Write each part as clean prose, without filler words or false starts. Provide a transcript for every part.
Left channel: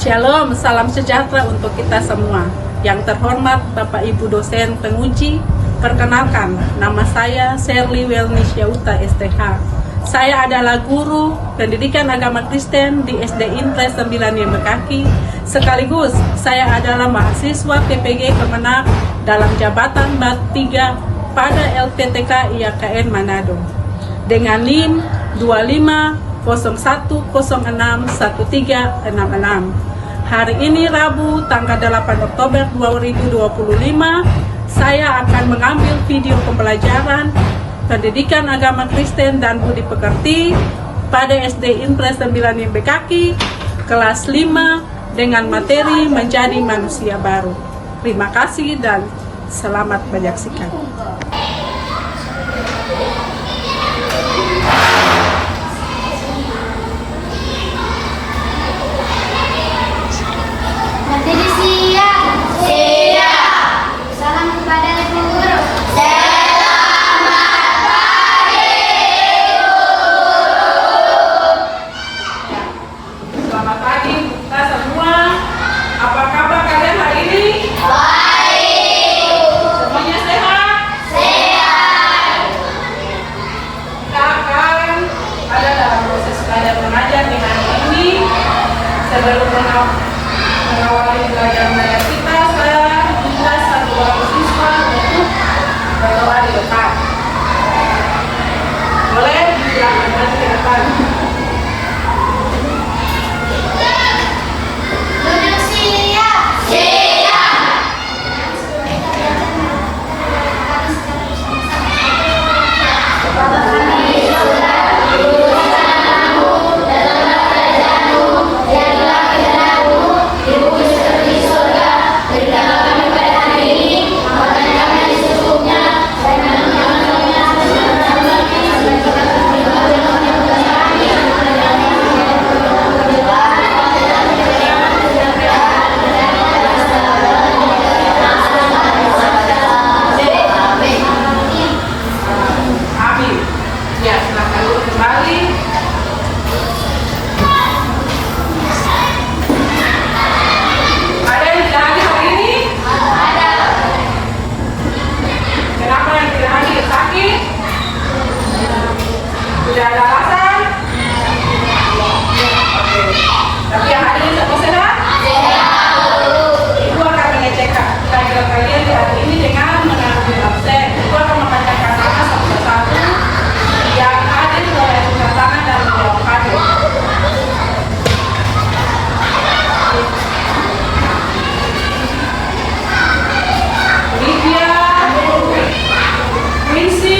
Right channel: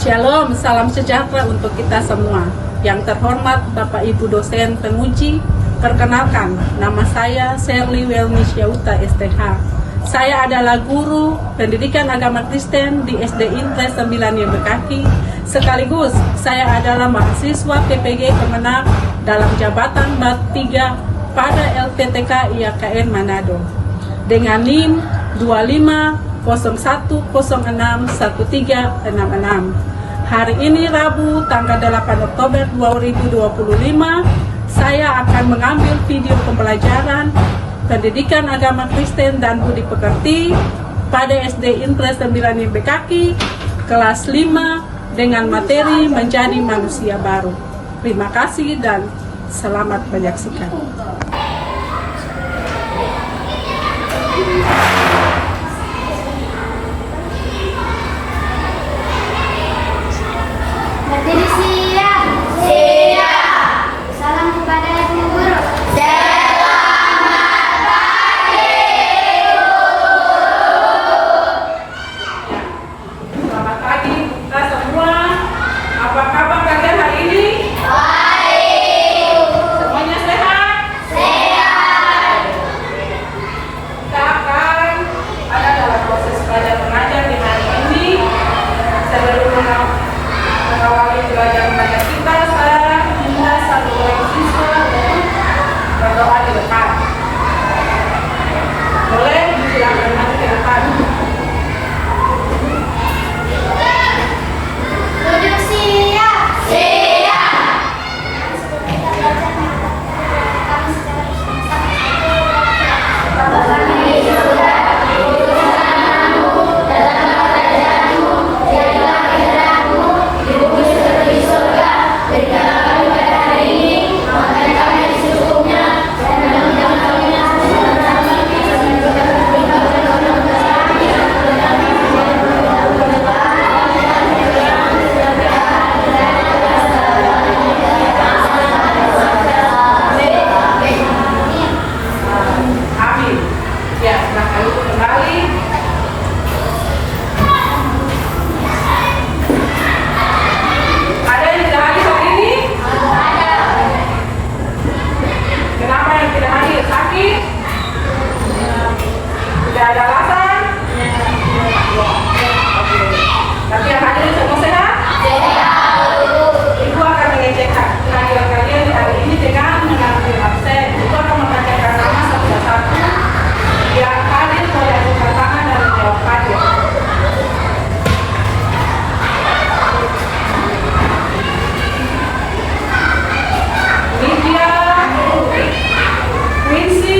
Shalom, salam sejahtera untuk kita semua. Yang terhormat Bapak Ibu dosen penguji, perkenalkan, nama saya Sherly Welnis Yauta STH. Saya adalah guru pendidikan agama Kristen di SD Intres 9 Bekaki. Sekaligus saya adalah mahasiswa PPG Kemenak dalam jabatan BAT 3 pada LPTK IAKN Manado. Dengan NIM 2501061366. Hari ini Rabu tanggal 8 Oktober 2025, saya akan mengambil video pembelajaran pendidikan agama Kristen dan budi pekerti pada SD Intres 9 Bekaki kelas 5 dengan materi menjadi manusia baru. Terima kasih dan selamat menyaksikan. Berdiri siap. Siap. Salam kepada Ibu Guru. Selamat pagi, Selamat pagi kita semua. Apa kabar kalian hari ini? baik. Semuanya sehat? Sehat. Kita akan ada dalam proses belajar mengajar di hari ini. Sebelum mengawali belajar mengajar kita, saya minta satu orang siswa untuk berdoa di depan. Boleh dilakukan di depan. Duduk siap. Siap. Bapa kami di surga, dikucapkan namamu, datanglah kerajaanmu, jadilah kehendakmu, di bumi seperti di surga. Berikanlah kami pada hari ini makan kami yang secukupnya, dan jangan kami yang bersama kami, dan juga terima kasih oleh kami, dan Amin. Ya, silakan duduk kembali. Ada yang tidak hadir hari ini? Kenapa yang tidak hadir? Sakit? Tidak ada alasan? Oke. Tapi yang hadir semua sehat? Ibu akan mengecekkan kelahiran kalian di hari ini dengan mengambil absen. Ibu akan membacakan nama satu persatu yang hadir, boleh angkat tangan dan menjawab hadir. Lydia, Quincy,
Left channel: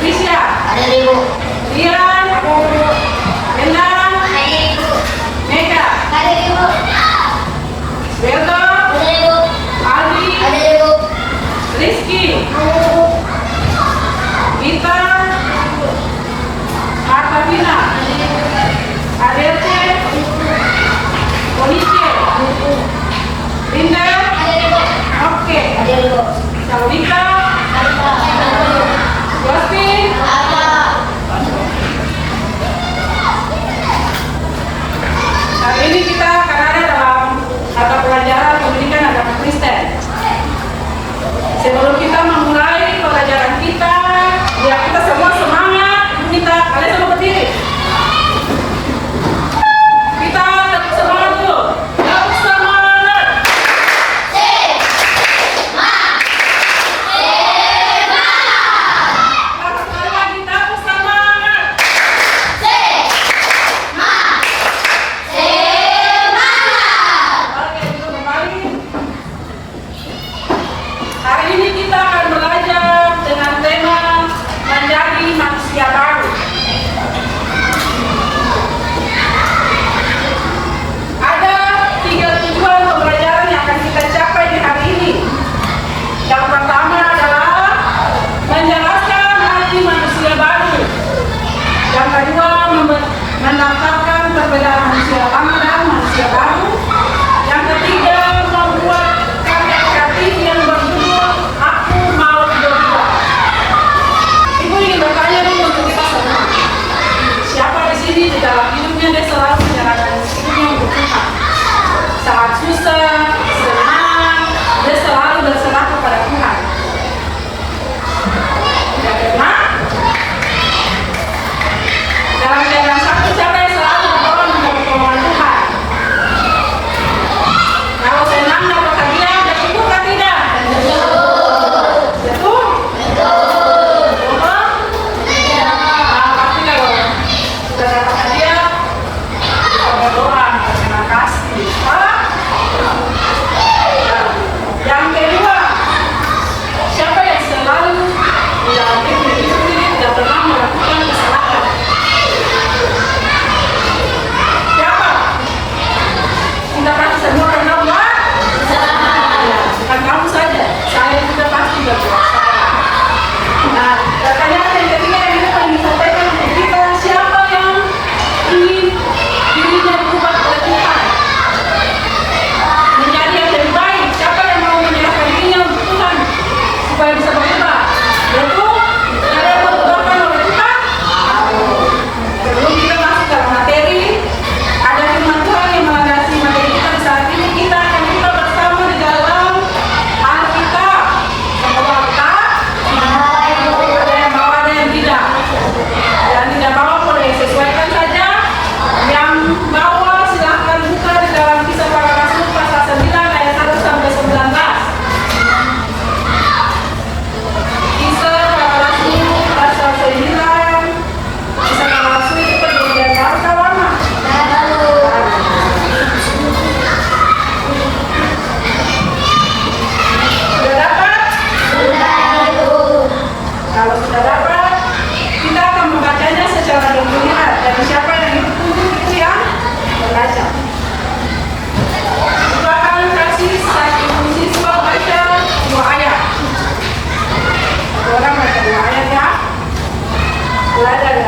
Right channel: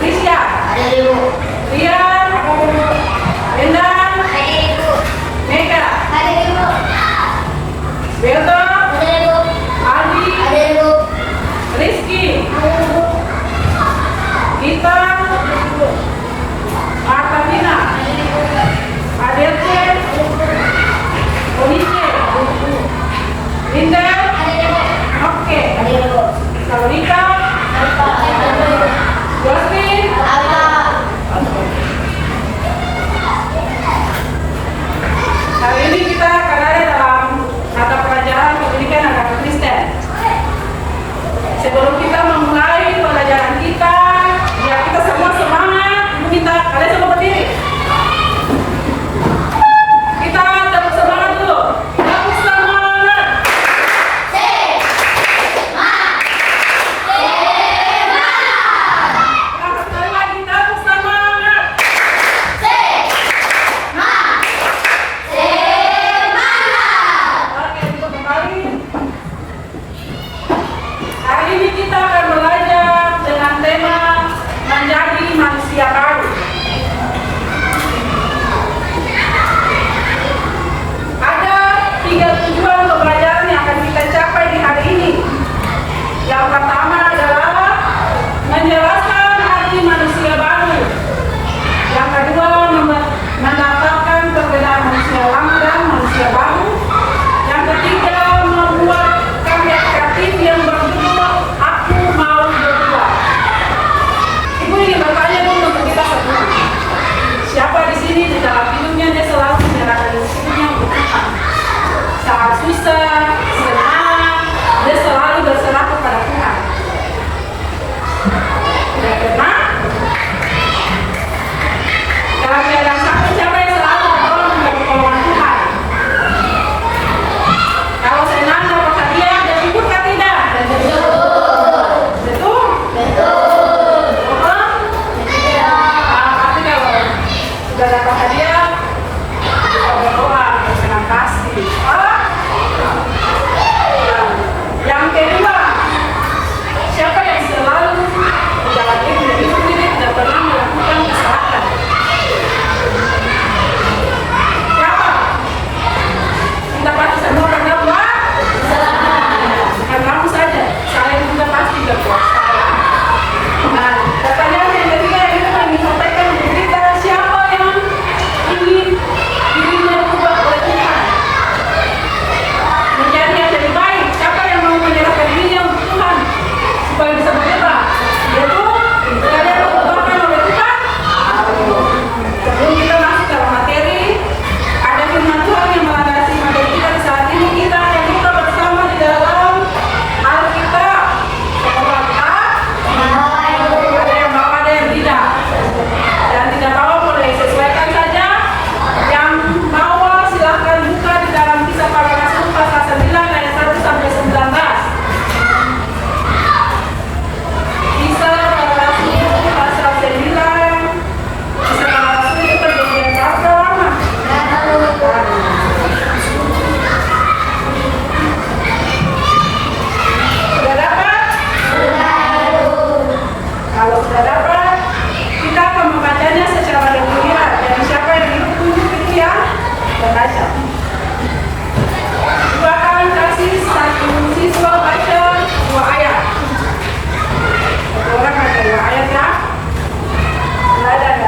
Risha, Rian, Endang, Mega, Belda, Aldi, Rizky, Gita, Artavina, Adelte, Onice, Linda, oke, Salonita, Justin, hari ini kita akan ada dalam mata pelajaran pendidikan agama Kristen. Sebelum kita memulai pelajaran kita, biar kita semua semangat, kita kalian semua berdiri. Kita tetap semangat dulu. Tetap semangat. Kita sekali lagi tetap semangat. Oke, duduk kembali. Hari ini kita akan belajar dengan tema menjadi manusia baru.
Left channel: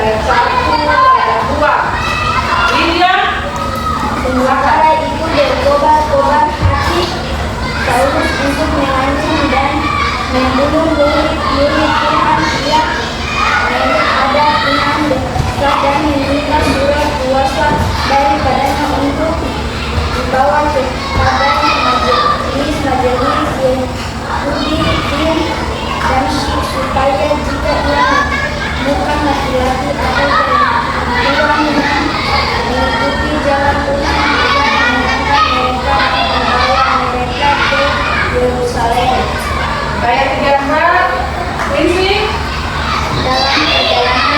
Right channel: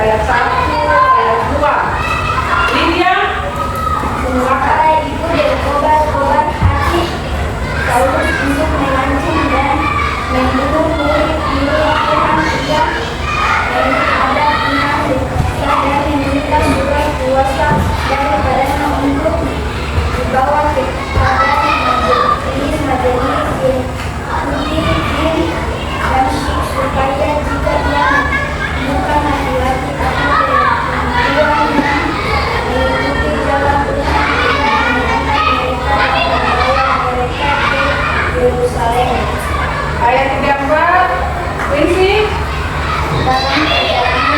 ayat 1, ayat 2. Lydia? Sementara itu berkobar-kobar hati Saulus untuk melancong dan membunuh murid-murid Tuhan. Ia ada 6 dekat dan meminta surat kuasa daripadanya untuk dibawa kepada majelis Yahudi di Damsyik supaya jika dia bukan laki-laki atau perempuan yang mengikuti jalan Tuhan dengan menyenangkan mereka dan membawa mereka ke Yerusalem. Ayat 34. Rinsi? Dalam perjalanan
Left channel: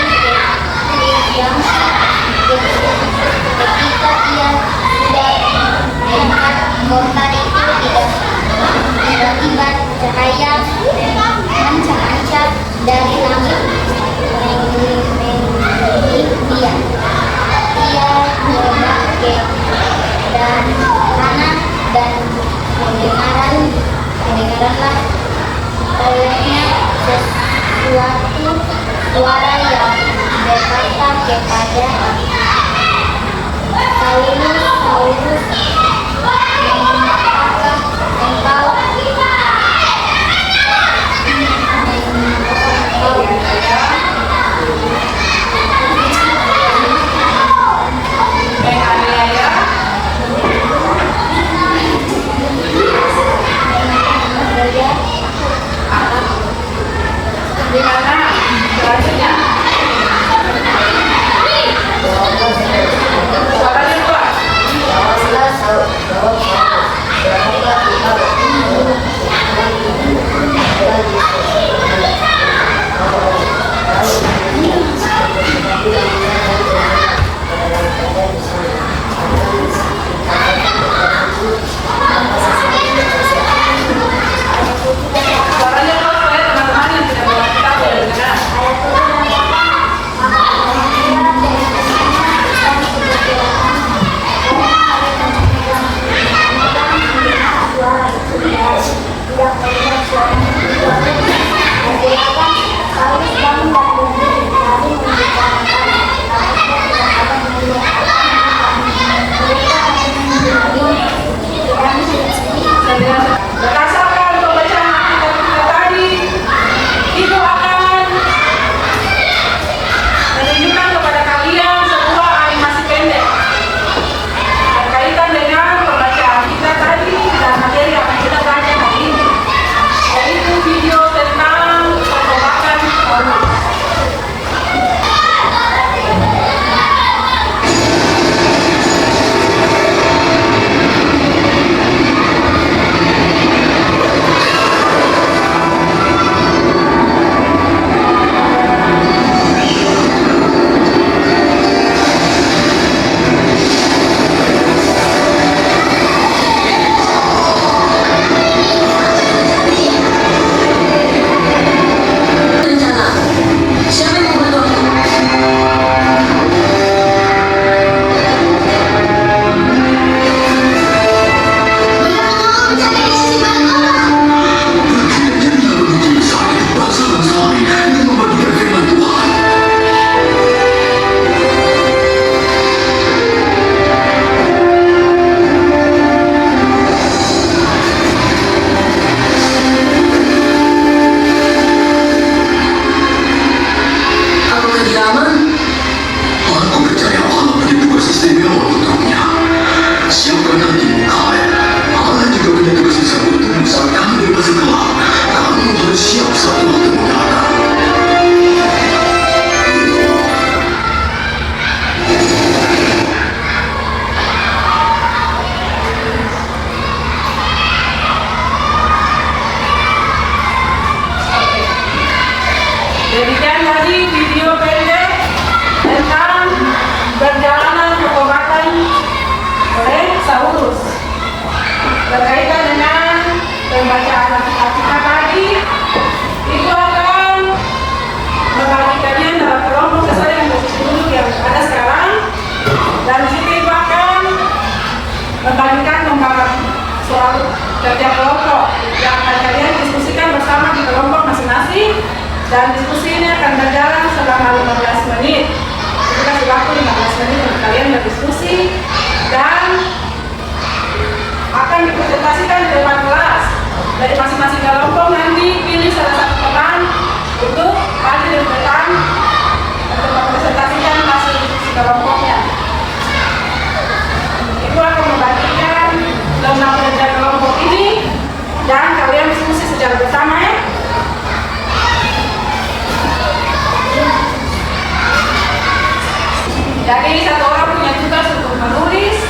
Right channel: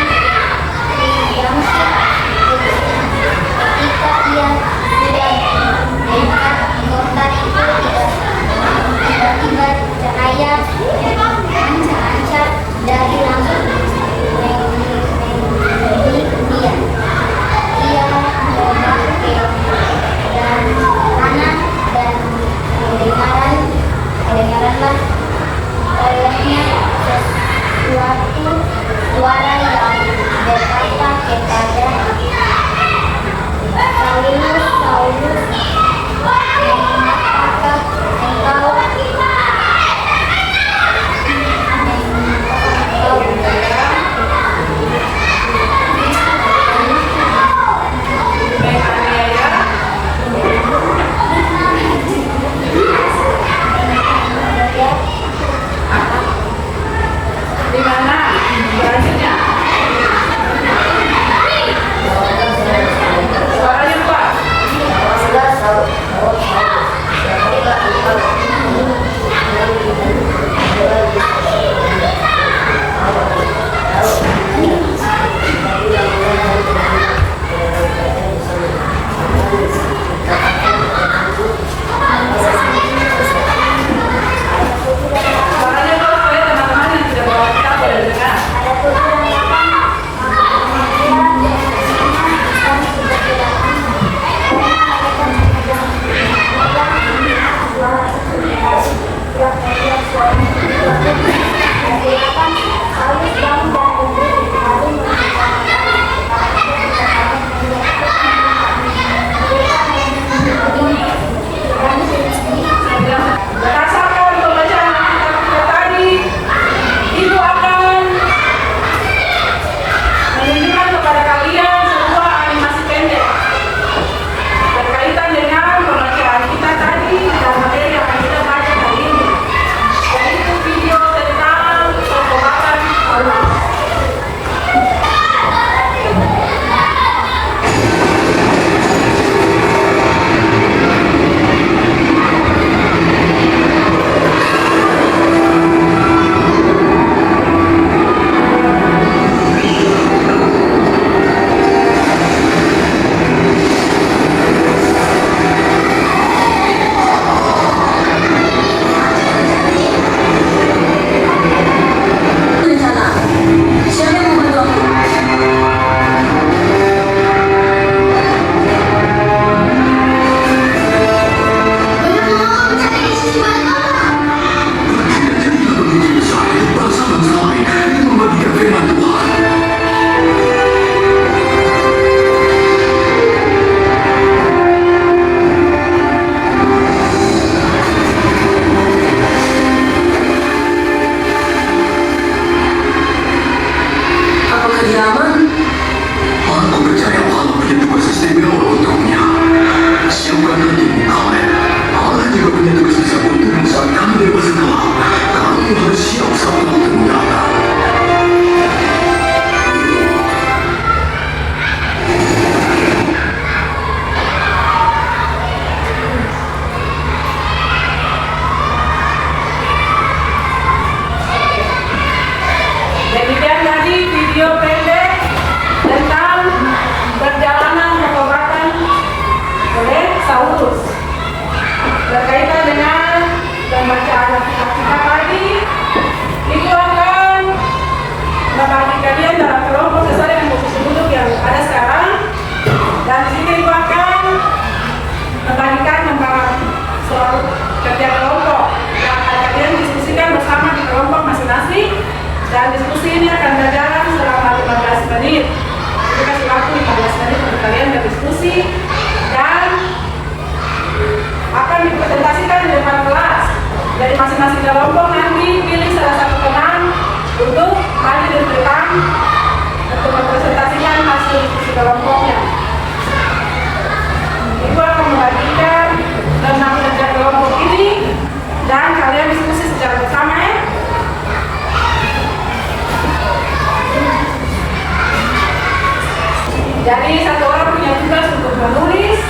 Jadi satu orang punya tugas untuk menulis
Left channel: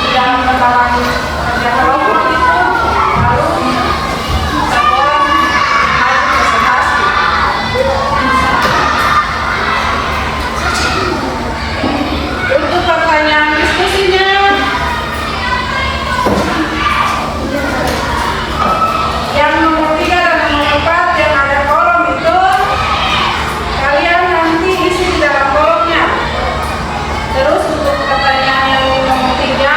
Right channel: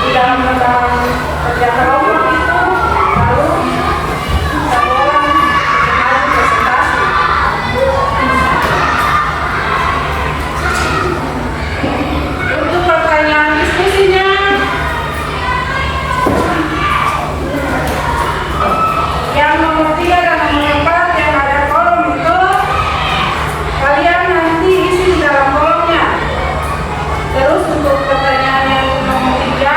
di dalam lembaran kerjaan kelompok itu, lalu satu orang harus presentasi. Untuk pertanyaan diskusinya, yang nomor 3 dan nomor 4 yang ada kolom itu, kalian nanti isi di dalam kolomnya. Terus untuk pertanyaan yang nomor 3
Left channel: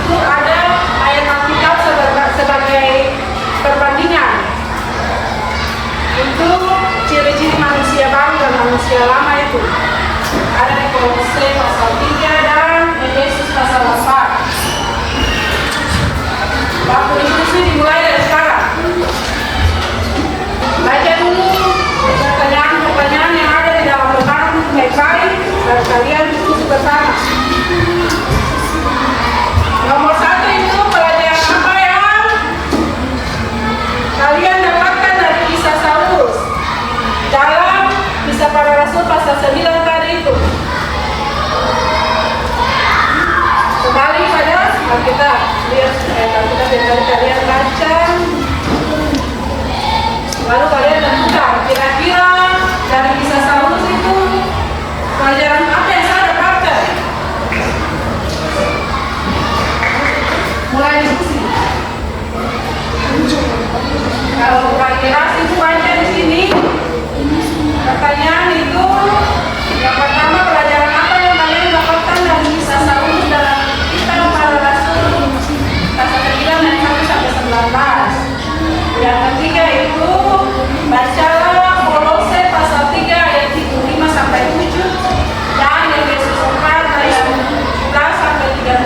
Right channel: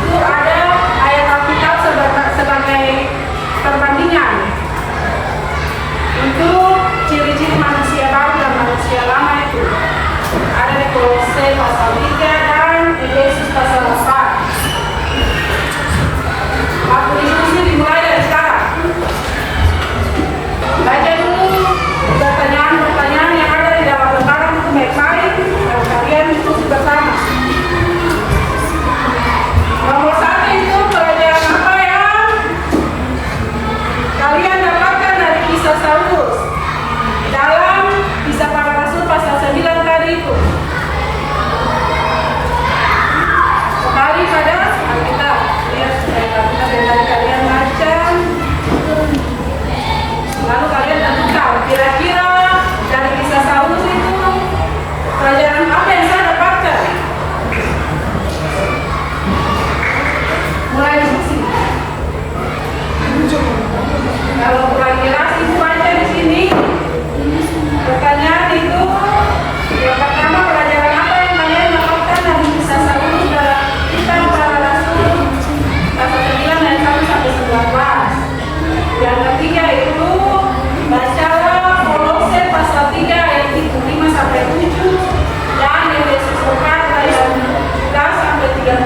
itu ada ayat Alkitab sebagai perbandingan untuk ciri-ciri manusia baru dan manusia lama itu. Ada di Kolose pasal 3 dan Efesus pasal 4. Waktu diskusi dimulai dari sekarang. Baca dulu pertanyaan-pertanyaan yang ada di dalam lembaran untuk baik-baik dan kalian diskusi bersama. Nomor 1 itu pelajaran apa yang kalian dapatkan dari kisah Saulus dalam Kisah Para Rasul pasal 9 tadi itu. Kembali pada Alkitab, biar Alkitab yang dari kalian baca. Lalu kalian tentukan kira-kira dari kisah Saulus itu pelajaran apa yang saya dapatkan. Mulai diskusi. Kalau kira-kira itu aja di sini. Pertanyaan itu yang pertama, pelajaran apa yang kalian dapatkan dari kisah Saulus dalam Kitab Para Rasul pasal 9 ayat 1 sampai 19. Yang ketiga itu bacalah Kolose pasal 3 ayat 5 sampai 7 dan Efesus 4 ayat 11 sampai 32.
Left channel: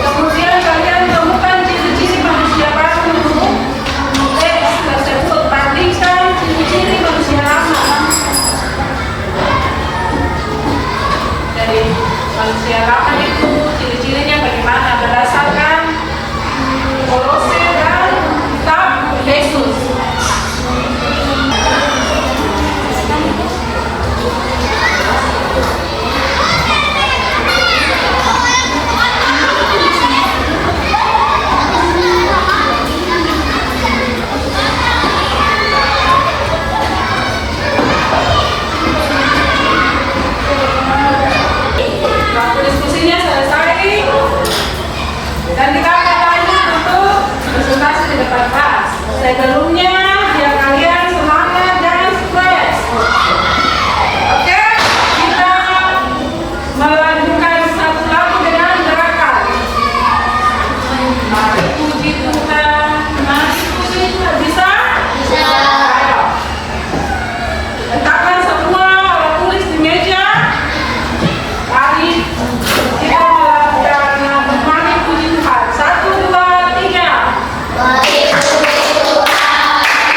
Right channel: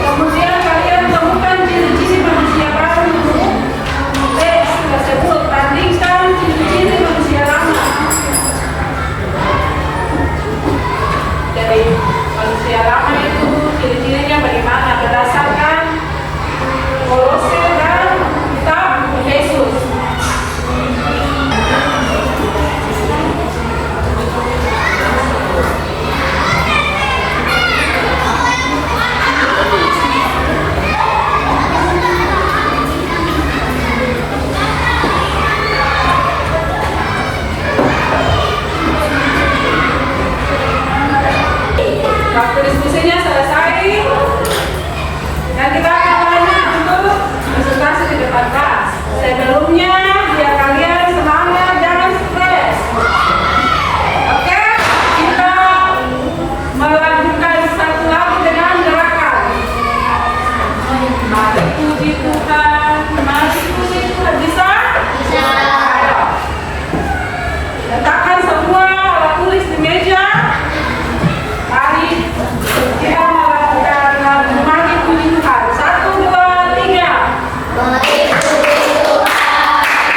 Kemudian kalian temukan ciri-ciri manusia baru. Teks tersebut bandingkan ciri-ciri manusia lama. Dari manusia lama itu ciri-cirinya bagaimana berdasarkan Kolose dan kitab Yesus. Waktu diskusinya selesai dan kita akan lanjut untuk presentasi di depan kelas. Sebelumnya biar kalian semangat dan sukses. Oke, kita melanjutkan satu lagu dengan gerakan. Mari puji Tuhan, mari puji Tuhan. Bisa? Bisa. Ayo. Letakkan semua alat tulis di meja. Mari kita melakukan mari puji Tuhan. 1, 2, 3. Mari puji Tuhan.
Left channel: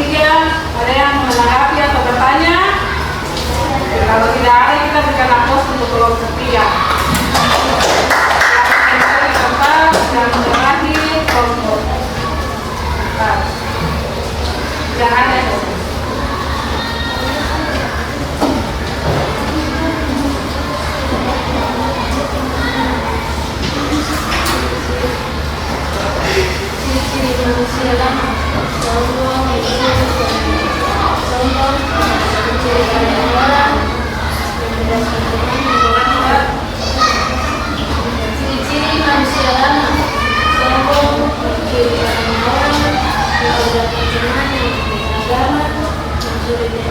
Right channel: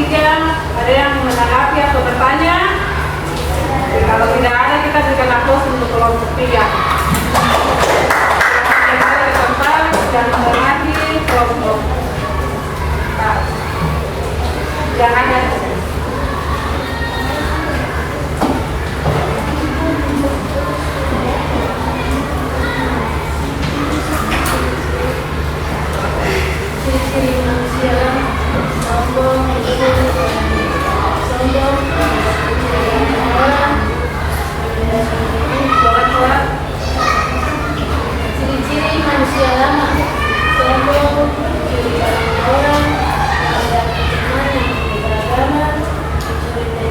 bertiga, ada yang menanggapi atau bertanya? Kalau tidak ada, kita berikan aplaus untuk kelompok 3. Silakan kembali ke tempat dan menghormati kelompok 4. Yang ada. Ciri manusia sombong, ciri-ciri manusia lama sombong, mencuri barang orang, teman yang beragama, mencuri,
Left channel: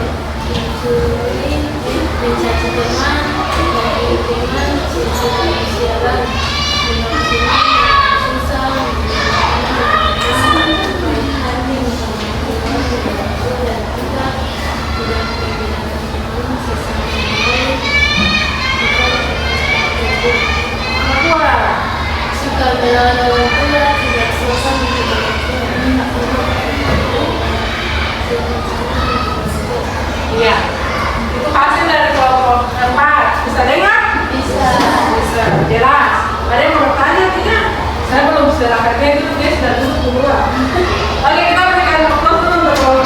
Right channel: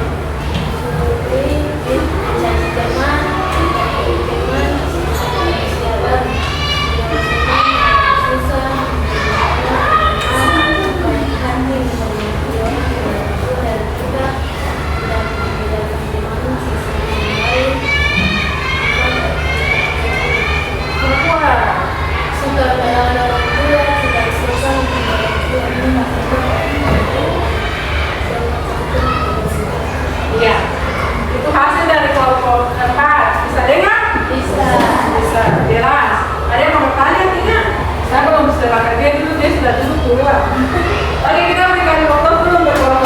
mencaci teman, ciri-ciri manusia lama susah. Iya, itu hasil dari kelompok 4. Bisa dengar? Bisa. Bisa, jelas. Ada yang mau bertanya tidak? Saya belum bisa kerja dulu, dia sudah duduk dulu. Oke, kita berikan waktu dulu untuk kelompok.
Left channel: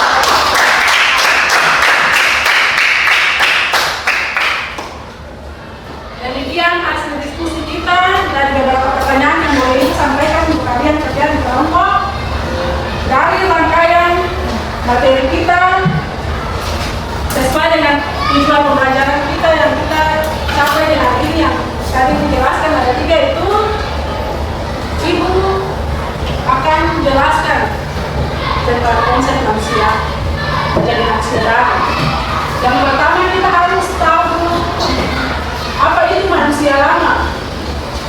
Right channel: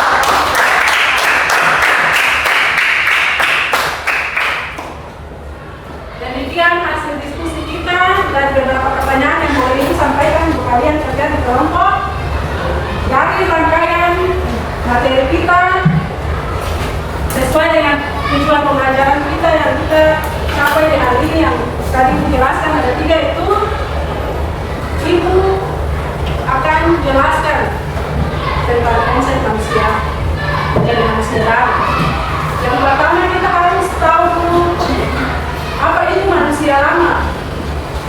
Demikian hasil diskusi kita dari beberapa pertanyaan yang boleh Ibu sampaikan untuk kalian di kelompok. Dari rangkaian materi kita sesuai dengan tujuan pembelajaran kita yang kita capai di hari ini yang tadi dijelaskan ada 3 itu, Ibu akan menjelaskan tentang konsep manusia dan manusia. Yang pertama kita harus tahu dulu apa itu manusia lama.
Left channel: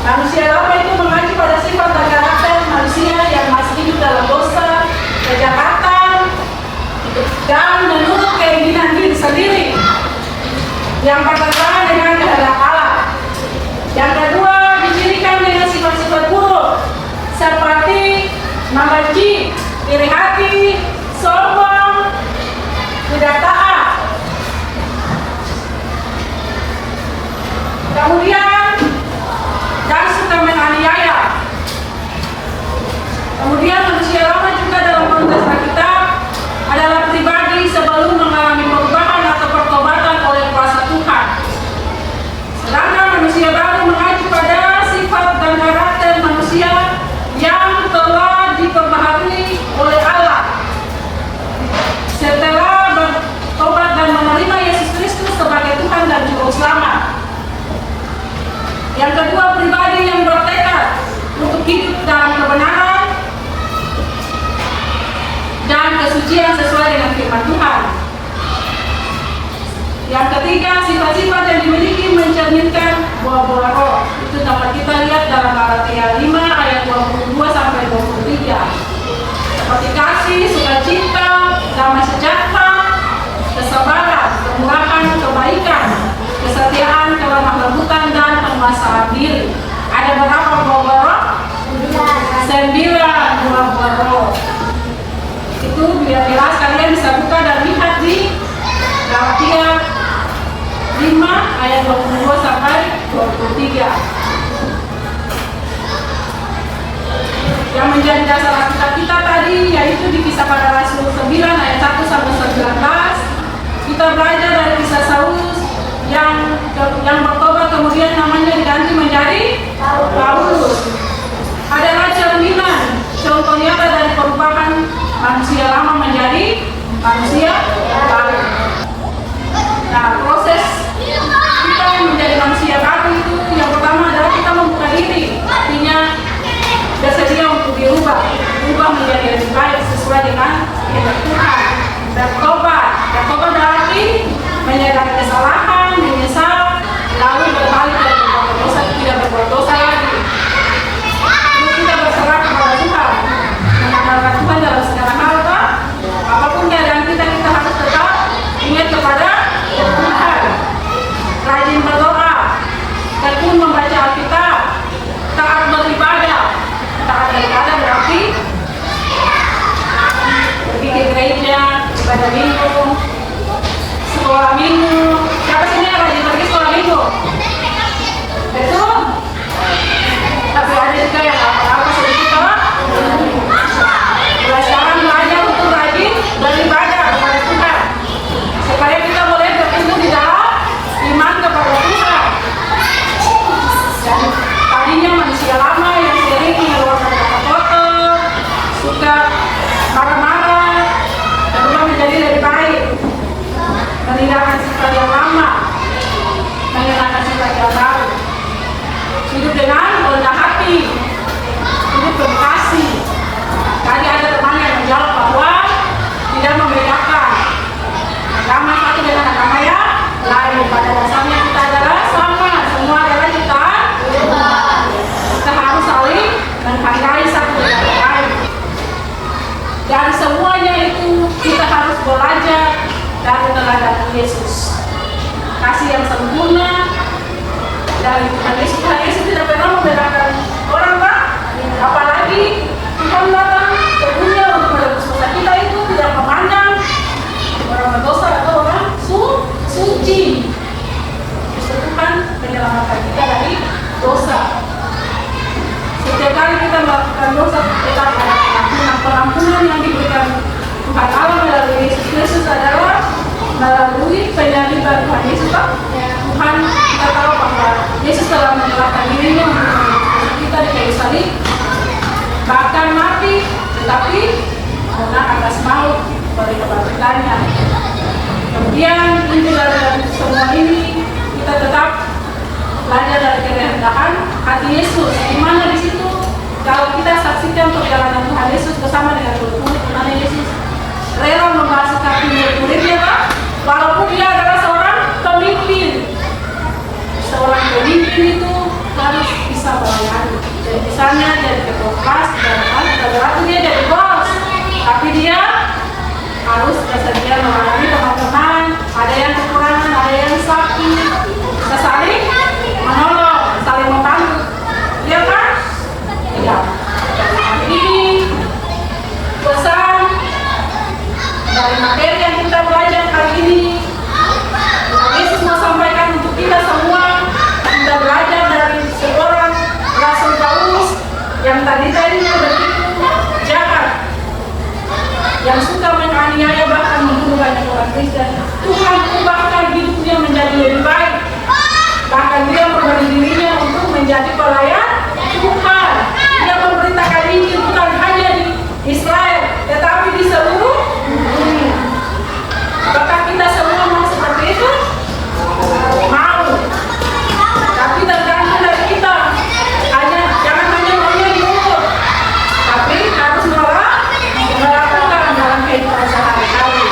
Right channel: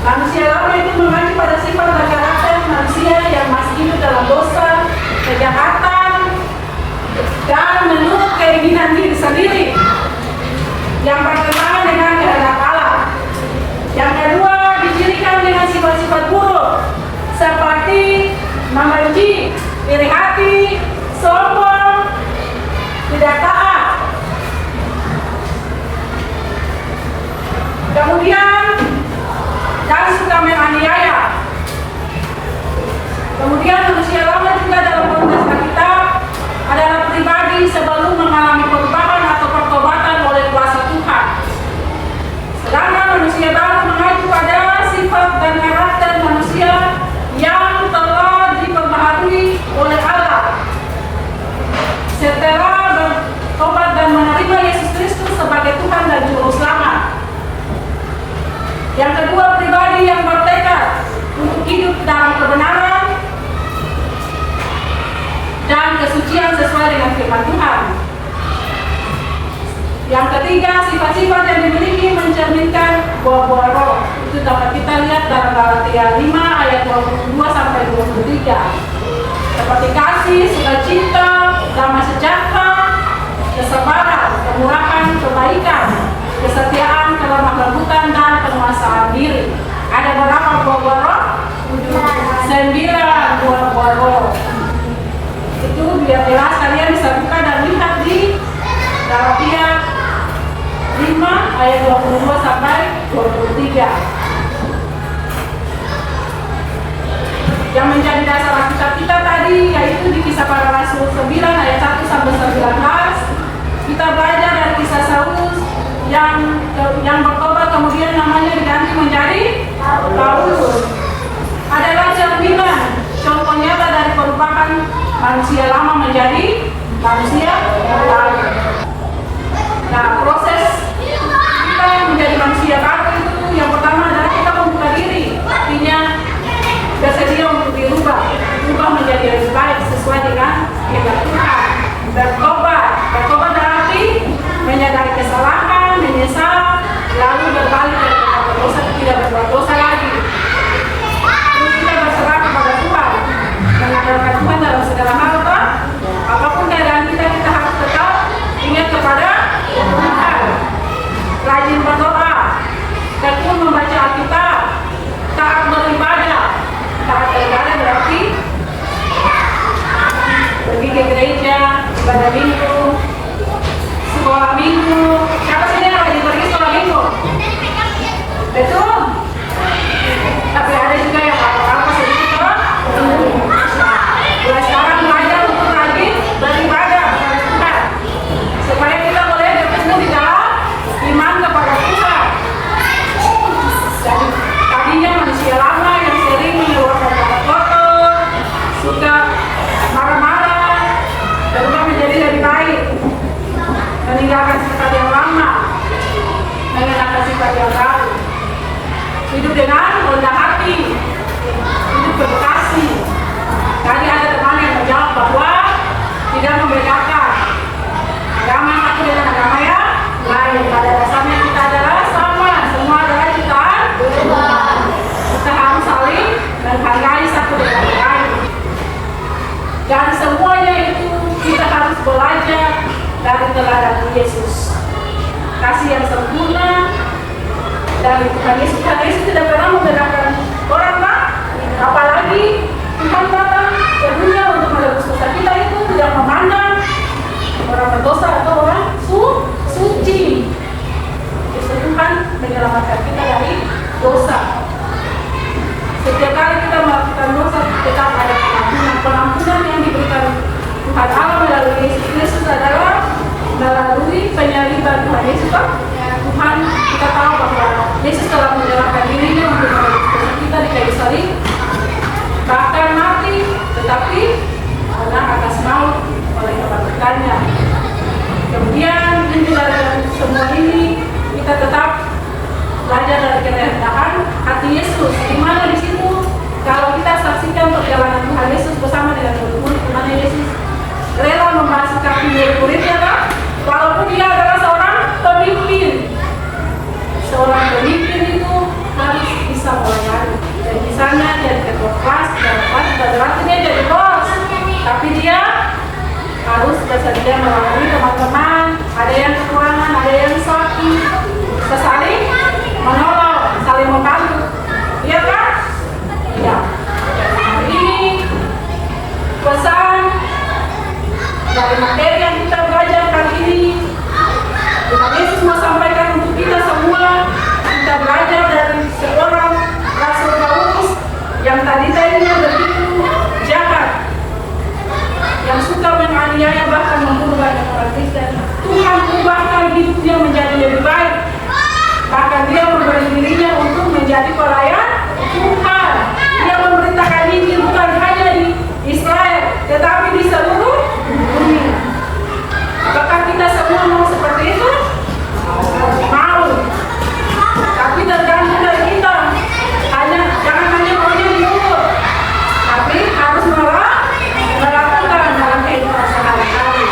Manusia lama itu mengacu pada sifat dan karakter manusia yang masih hidup dalam dosa, kejahatan, dan menurut keinginan diri sendiri yang bertentangan dengan kehendak Allah. Yang kedua, dicirikan dengan sifat-sifat buruk seperti membenci, iri hati, sombong, tidak taat. Kemudian dan suka menganiaya. Kemudian manusia lama juga dalam konteks Alkitab adalah pribadi sebelum mengalami perubahan atau pertobatan oleh kuasa Tuhan. Sedangkan manusia baru mengacu pada sifat dan karakter manusia yang telah diperbaharui oleh Allah setelah bertobat dan menerima Yesus Kristus sebagai Tuhan dan Juru Selamat. Yang kedua, pribadi yang bertekad untuk hidup dalam kebenaran dan kesucian sesuai dengan firman Tuhan. Yang ketiga, sifat-sifat yang dimiliki mencerminkan buah-buah roh. Itu dapat kita lihat dalam Galatia 5 ayat 22 sampai 23. Seperti kasih, sukacita, damai sejahtera, kesabaran, kemurahan, kebaikan, kesetiaan, kelemah lembutan, dan penguasaan diri. Ada berapa buah-buah roh? 9 buah-buah roh. Itu biar jelas kalian bisa buka dan lihat di Galatia 5 ayat 22 sampai 23. Yang menjadi dasar Alkitab kita tadi yaitu di Kisah Para Rasul 9 ayat 1 sampai 19. Kita belajar dari kisah Saulus yang bertobat kemudian namanya diganti menjadi Paulus. Adalah cerminan contoh nyata dari perubahan manusia lama menjadi manusia baru. Nah, proses kita yang menjadi manusia baru itu yang pertama adalah kita membuka diri, artinya bersedia untuk dirubah menjadi lebih baik sesuai dengan kehendak Tuhan. Bertobat berarti menyadari kesalahan, menyesal, lalu berbalik dari berbuat dosa, tidak berbuat dosa lagi. Terus kita berserah kepada Tuhan, mengandalkan Tuhan dalam segala hal. Apapun keadaan kita harus tetap ingat kepada Tuhan. Rajin berdoa, Betul? Tapi ada juga yang apa-apa sedikit orang. Mulai sekarang belajar untuk rajin beribadah kepada Tuhan, supaya kita boleh bertumbuh di dalam iman kepada Tuhan. Jadi tadinya manusia lama yang sering mengeluarkan kata kotor, suka marah-marah, berubah menjadi lebih baik, meninggalkan sifat yang lama, mengenakan sifat yang baru, hidup dengan rendah hati, hidup berkasih. Tadi ada teman yang menjawab bahwa tidak membedakan agama satu dengan agama yang lain. Pada dasarnya kita adalah sama, semua adalah kita harus saling menghargai satu dengan yang lain. Dan semuanya itu kita harus belajar dari teladan Yesus. Kasih yang sempurna dari Tuhan Yesus. Tuhan Yesus tidak pernah membedakan orang, Pak. Apalagi Tuhan datang ke dunia untuk menebus dosa kita, itu tidak memandang orang berdosa atau orang suci. Justru Tuhan menyelamatkan kita dari dosa. Setiap kali kita melakukan dosa, tetap ada pengampunan. Pengampunan yang diberikan Tuhan Allah melalui Yesus Kristus adalah melalui penyaliban Tuhan Yesus. Tuhan, kita tahu bahwa Yesus telah menyerahkan dirinya untuk menebus kita di kayu salib, bahkan mati, tetapi karena atas maut oleh kebangkitannya. Kemudian dari semua ini kita tetap belajar dari kerendahan hati Yesus. Di mana di situ kalau kita saksikan perjalanan Tuhan Yesus bersama dengan murid-murid, di mana Yesus rela membasuh kaki murid-muridnya, Pak, walaupun dia adalah seorang pemimpin. Seorang pemimpin itu harus bisa melayani. Jadi misalnya jadi ketua kelas, dan bukan berarti dia jadi bos, tapi dia harus bersedia melayani teman-teman. Ada yang kekurangan, ada yang sakit, kita saling menolong, saling membantu. Iya kan? Iya. Hari ini pesan dari materi yang kita belajar kali ini, Tuhan Yesus mau sampaikan untuk kita semua. Kita belajar dari seorang Rasul Paulus yang tadinya begitu jahat, yang suka menganiaya bahkan membunuh banyak orang Kristen. Tuhan ubahkan hidupnya menjadi lebih baik. Bahkan dia memberi dirinya untuk menjadi pelayan Tuhan. Dia memberitakan Injil bukan hanya di Israel, tetapi di seluruh dunia. Apakah kita semua mau seperti itu? Mau. Tapi tergantung dari kita. Jangan hanya maunya di mulut, tapi harus melakukan dalam kehidupan sehari-hari.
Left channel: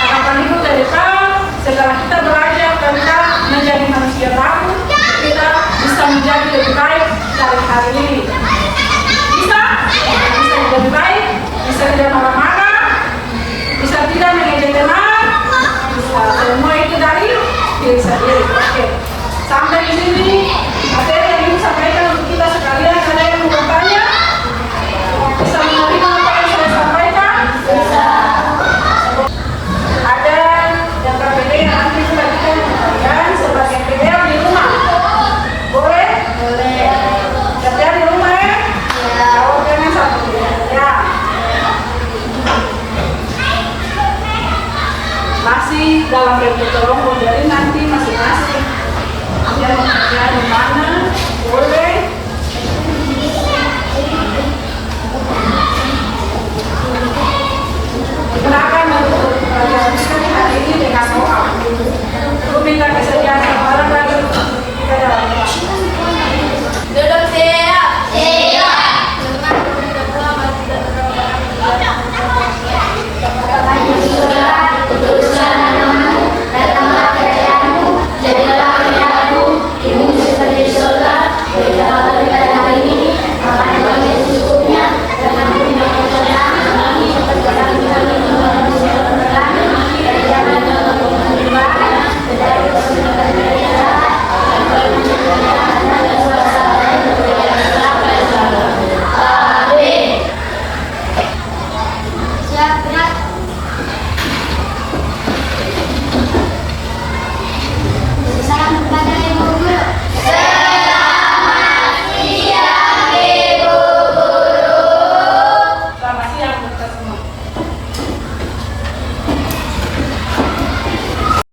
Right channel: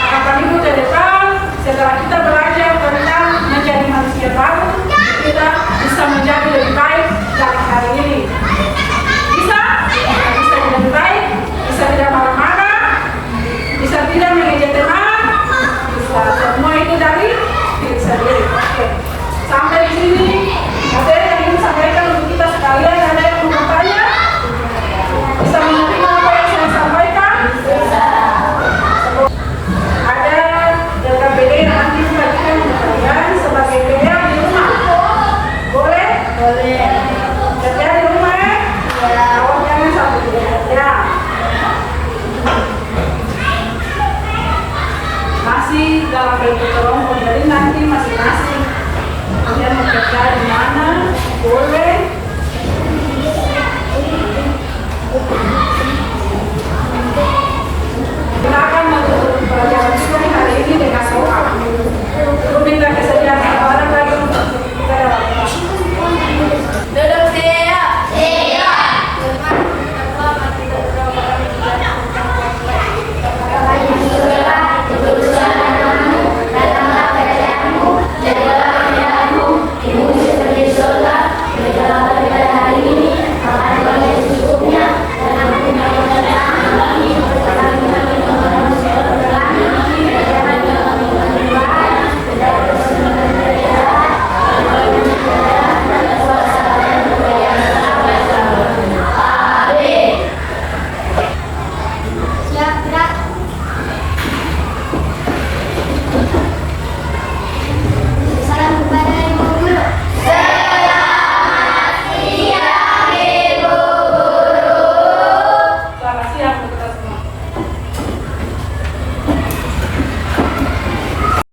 Harapan Ibu ke depan, setelah kita belajar tentang menjadi manusia baru, kita bisa menjadi lebih baik dari hari ini. Bisa lebih baik, bisa tidak marah-marah, bisa tidak mengejek teman, bisa semua itu dari diri sendiri. Oke.